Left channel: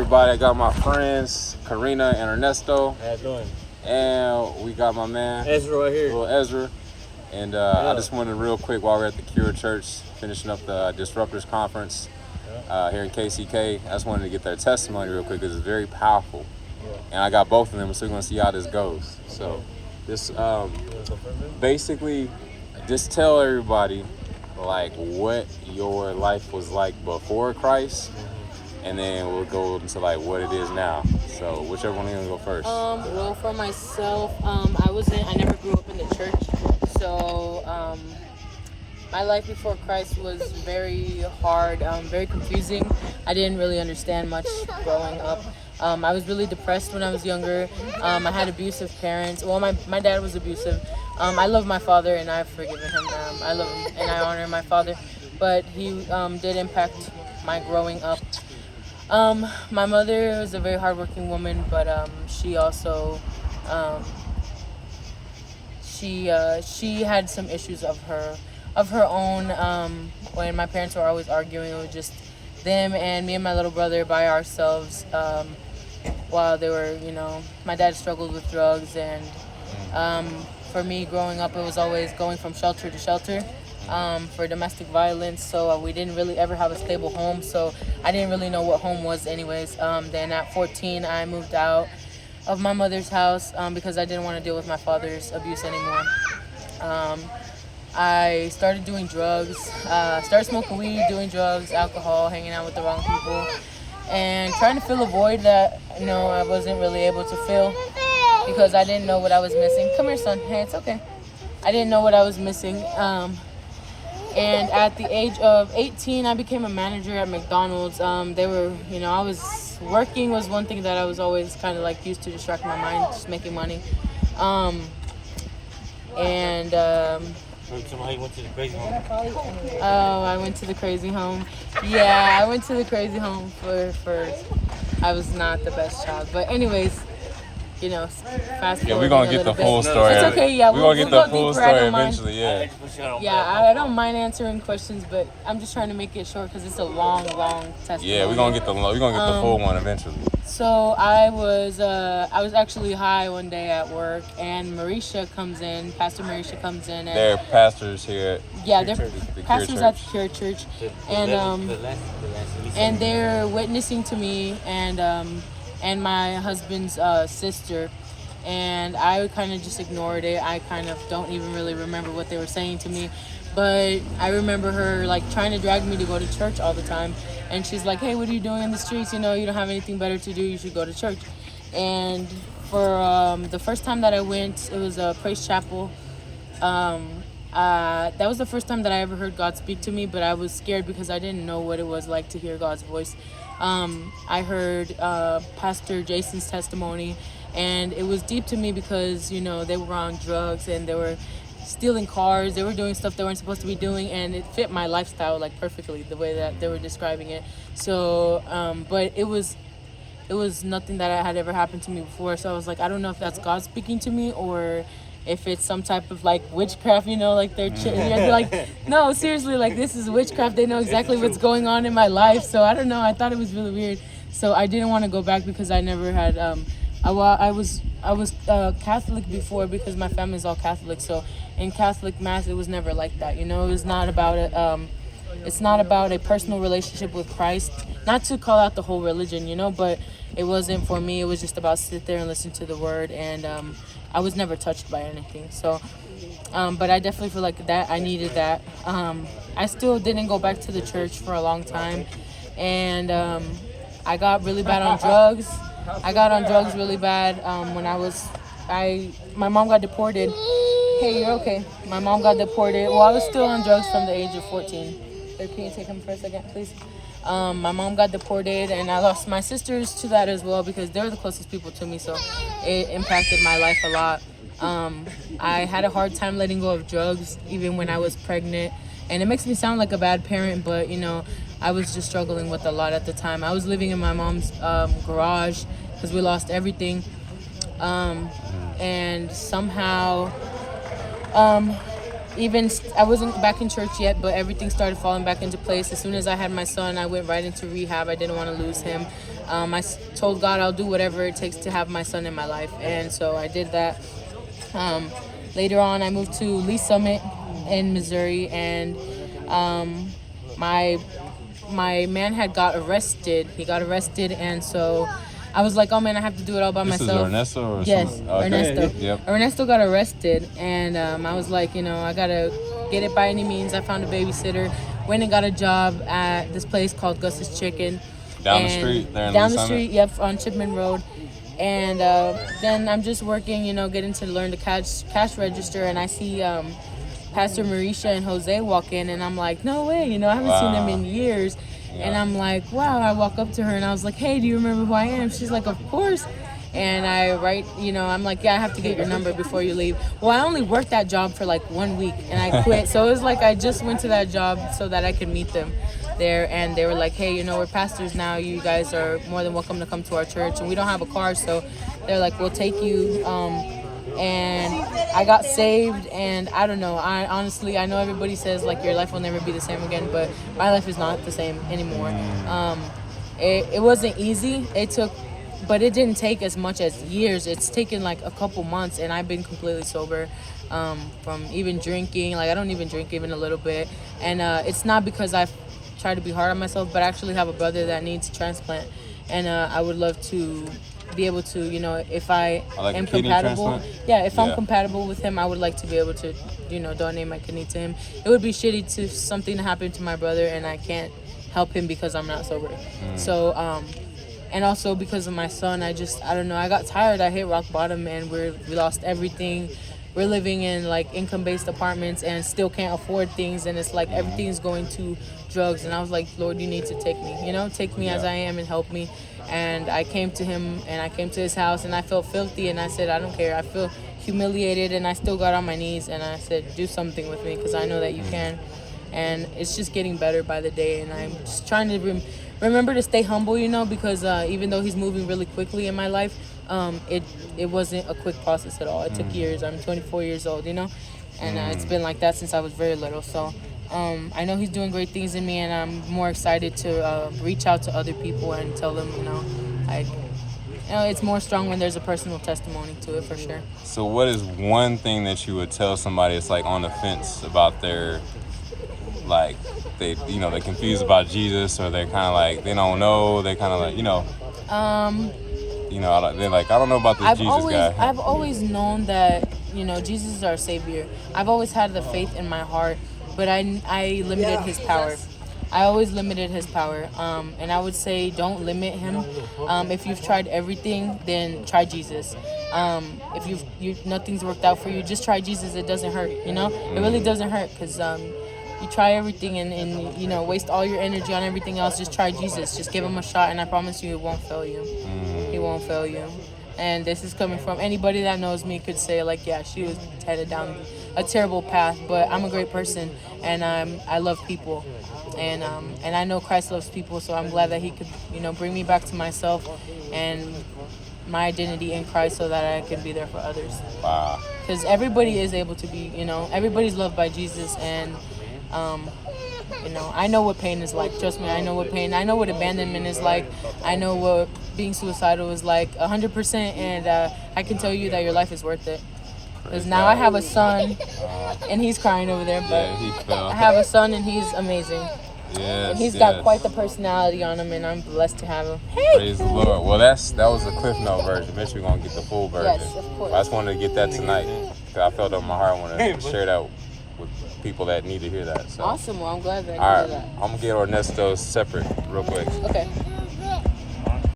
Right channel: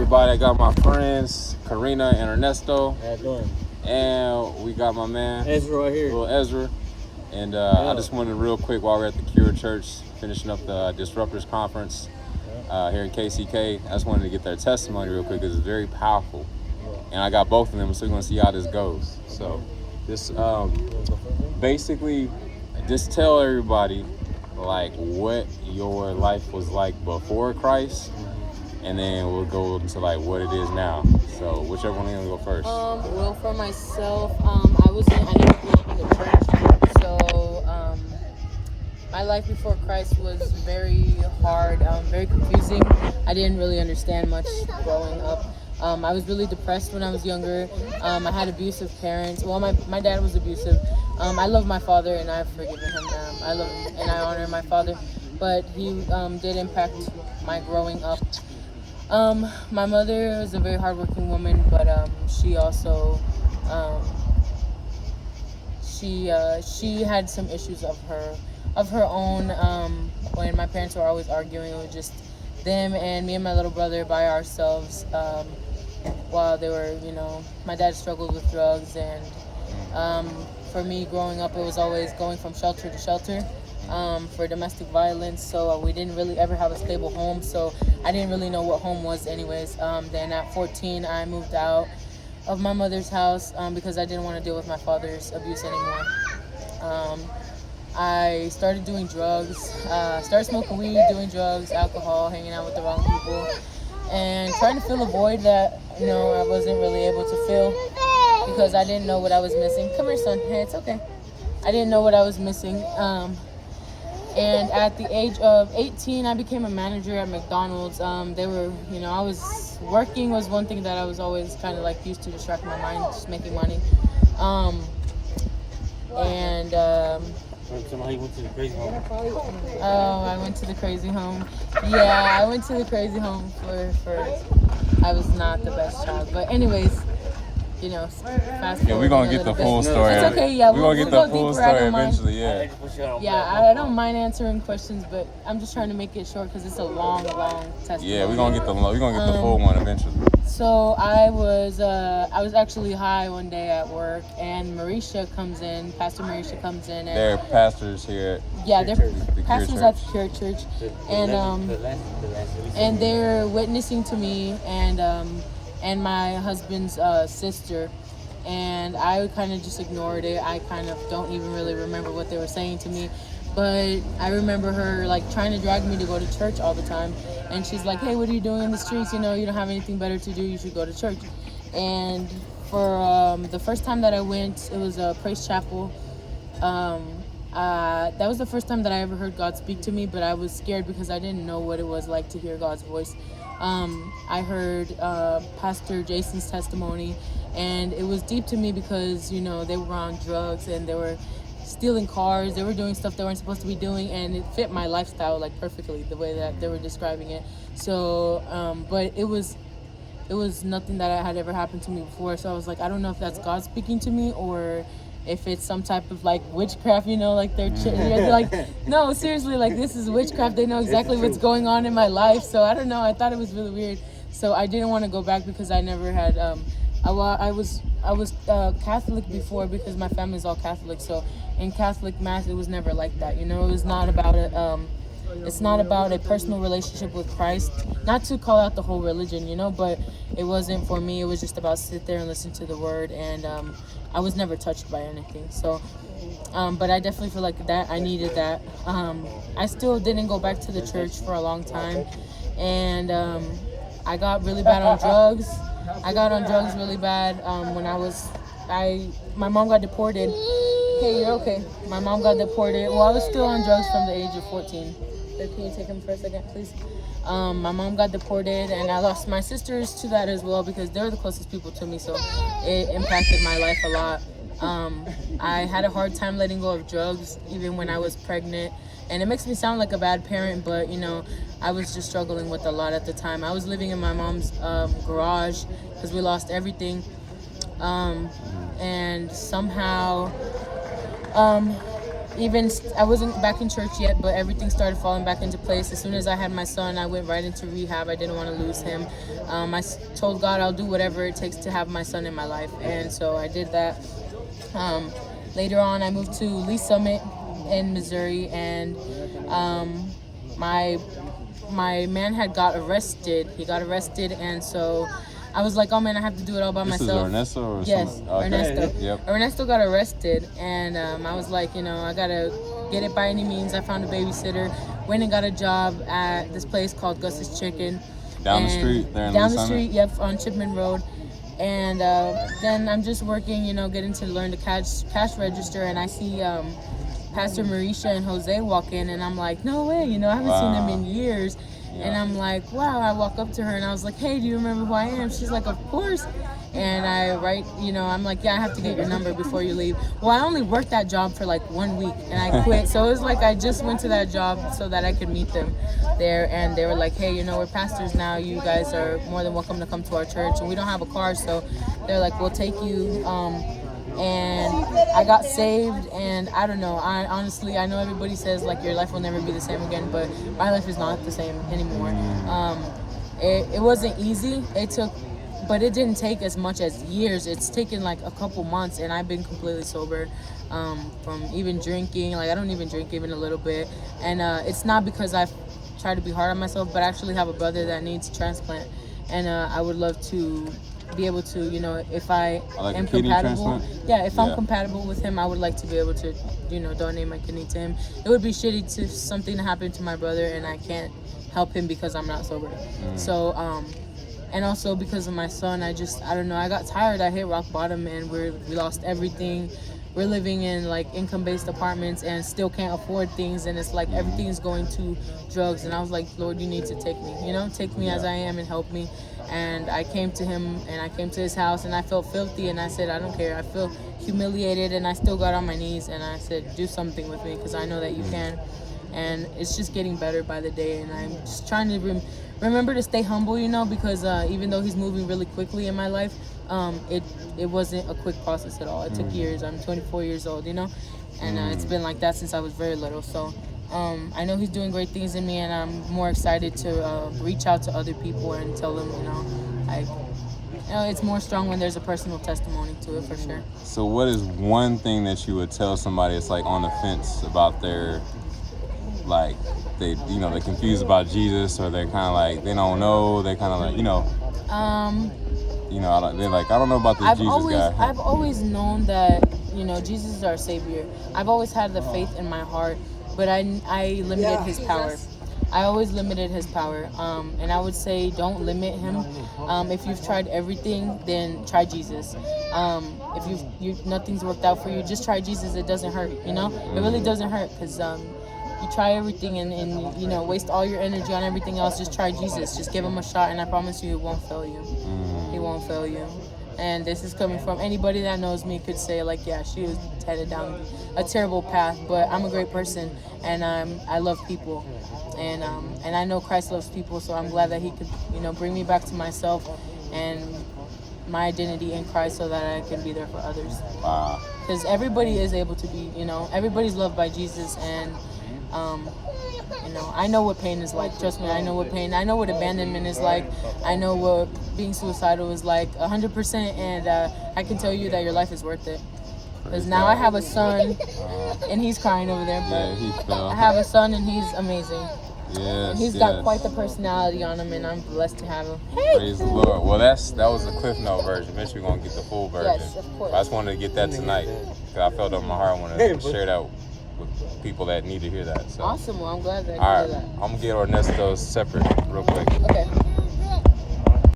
everybody. I got my friends, Karina and Ernesto. How you doing? And we got my man, Ezra right here. little Ezra. And I just wanted real quick while we're at the Cure Church, finishing up the Disruptors Conference here in KCK. I just wanted to get their testimony real quick because it's very powerful. And I got both of them, so we're going to see how this goes. So this basically, just tell everybody like what your life was like before Christ, and then we'll go into like what it is now. So whichever one is gonna go first. Well, for myself, I never grew up in the church, so my life before Christ was very hard, very confusing. I didn't really understand much growing up. I was really depressed when I was younger. I had abusive parents. Well, my dad was abusive. I love my father and I've forgiven him. I love him and I honor my father, but he did impact my growing up. My mother was a very hardworking woman, but she also she had some issues of her own. When my parents were always arguing, it was just them and me and my little brother by ourselves. While they were, my dad struggled with drugs, and for me growing up, it was always going from shelter to shelter for domestic violence. So we didn't really ever have a stable home. So I didn't really know what home was anyways. Then at 14, I moved out of my mother's house because I didn't want to deal with my father's abuse anymore. I started doing drugs, started smoking weed, doing drugs, alcohol, hanging out with the wrong people, and trying to fill a void that, I wasn't really able to fill because I didn't know what I was missing. Come here, son. Hey, it's okay. I didn't know what I was missing. And at the age of 18, I became a manager at McDonald's. They were, I was working was one thing that I was always kind of like used to distract my mind, just making money. Somehow you went to the crazy home. Oh, I went to the crazy home. Yeah, I went to the crazy home for I was not the best child. But anyways, fast forward. Yeah, we're gonna get the full story. It's okay, yeah. We're gonna get the full story eventually, yeah. Yeah, I don't mind answering questions, but I'm just trying to make it short because it's a long testimony. Yeah, we're gonna get the full one eventually. So I was actually high one day at work, and Pastor Marisha comes in, and they're pastors here. They're pastors at the Cure Church, and they're witnessing to me and my husband's sister, and I kind of just ignored it. I kind of don't even really remember what they were saying to me, but I remember her like trying to drag me to go to church all the time. And she's like, hey, what are you doing in the streets? You don't have anything better to do. You should go to church. And for the first time that I went, it was a praise chapel. That was the first time that I ever heard God speak to me, but I was scared because I didn't know what it was like to hear God's voice. I heard Pastor Jason's testimony, and it was deep to me because, they were on drugs and they were stealing cars, they were doing stuff they weren't supposed to be doing, and it fit my lifestyle like perfectly the way that they were describing it. So but it was nothing that had ever happened to me before, so I was like, I don't know if that's God speaking to me or if it's some type of like witchcraft, like they're like, no, seriously, like this is witchcraft. They know exactly what's going on in my life. So I don't know, I thought it was really weird, so I didn't want to go back because I never had I was Catholic before because my family's all Catholic. So in Catholic Mass, it was never like that. It was not about it. It's not about a personal relationship with Christ. Not to call out the whole religion, but it wasn't for me. It was just about sit there and listen to the word, and I was never touched by anything. So, but I definitely feel like that I needed that. I still didn't go back to the church for a long time, and I got really bad on drugs. I got on drugs really bad when my mom got deported. Hey, you're okay. My mom got deported. Well, I was still on drugs from the age of 14. Can you take him for a second, please? My mom got deported, and I lost my sisters to that as well because they were the closest people to me, so it impacted my life a lot. I had a hard time letting go of drugs, even when I was pregnant. And it makes me sound like a bad parent, but, I was just struggling with a lot at the time. I was living in my mom's garage because we lost everything. And somehow, I wasn't back in church yet, but everything started falling back into place. As soon as I had my son, I went right into rehab. I didn't want to lose him. Told God I'll do whatever it takes to have my son in my life, and so I did that. Later on, I moved to Lee Summit in Missouri, and my man had got arrested. He got arrested, and so I was like, oh man, I have to do it all by myself. Is Ernesto or yes, okay. Ernesto. Yep. Ernesto got arrested, and I was like, I gotta get it by any means. I found a babysitter, went and got a job at this place called Gus's Chicken. Down the street there in Down Lee the Summit? street, yep, on Chipman Road. And then I'm just working, getting to learn the cash register, and I see Pastor Marisha and Jose walk in, and I'm like, no way, I haven't seen them in years. And I'm like, wow. I walk up to her and I was like, hey, do you remember who I am? She's like, of course. And I write, I'm like, yeah, I have to get your number before you leave. Well, I only worked that job for like 1 week and I quit. So it was like I just went to that job so that I could meet them there. And they were like, hey, we're pastors now. You guys are more than welcome to come to our church. And we don't have a car. So they're like, we'll take you. And I got saved, and I don't know. I know everybody says like your life will never be the same again, but my life is not the same anymore. It wasn't easy. But it didn't take as much as years. It's taken like a couple months, and I've been completely sober from even drinking. Like I don't even drink even a little bit, and it's not because I've tried to be hard on myself, but I actually have a brother that needs a transplant, and I would love to be able to, if I am compatible. If I'm compatible with him, I would like to be able to, donate my kidney to him. It would be shitty to something to happen to my brother and I can't help him because I'm not sober. So, and also because of my son, I don't know, I got tired. I hit rock bottom, and we lost everything. We're living in like income-based apartments and still can't afford things, and it's like everything's going to drugs. And I was like, Lord, you need to take me, take me as I am and help me. And I came to him, and I came to his house, and I felt filthy, and I said, I don't care. I feel humiliated, and I still got on my knees, and I said, do something with me because I know that you can. And it's just getting better by the day, and I'm just trying to remember to stay humble, because even though he's moving really quickly in my life, it wasn't a quick process at all. It took years. I'm 24 years old, and it's been like that since I was very little. So I know he's doing great things in me, and I'm more excited to reach out to other people and tell them, it's more strong when there's a personal testimony to it, for sure. So what is one thing that you would tell somebody that's like on the fence about their, like, they're confused about Jesus, or they're kind of like, they don't know, they're kind of like, they're like, I don't know about this guy. I've always known that, Jesus is our Savior. I've always had the faith in my heart, but I limited his power. I always limited his power, and I would say don't limit him. If you've tried everything, then try Jesus. If nothing's worked out for you, just try Jesus. It doesn't hurt, It really doesn't hurt, because you try everything and waste all your energy on everything else. Just try Jesus. Just give him a shot, and I promise you, it won't fail you. He won't fail you. And this is coming from anybody that knows me could say, like, yeah, she was headed down a terrible path, but I'm a great person, and I love people, and I know Christ loves people, so I'm glad that he could, bring me back to myself and my identity in Christ, so that I can be there for others. Wow. Because everybody is able to be, everybody's loved by Jesus, and I know what pain is like. Trust me, I know what pain. I know what abandonment is like. I know what being suicidal is like 100%, and I can tell you that your life is worth it. Because now I have a son, and he's crying over there, but I have a son, and he's amazing. Yes, and he's got quite the personality on him, and I'm blessed to have him. Praise the Lord. Well, that was the Cliff Note version. Eventually, we're going to get the full version. Yes, of course. I just wanted to get that tonight, because I felt it in my heart. I wanted to share that with people that need to hear that. So. Awesome. Well, I'm glad that All you right. did that. I'm going to get Ernesto separate real quick. Okay.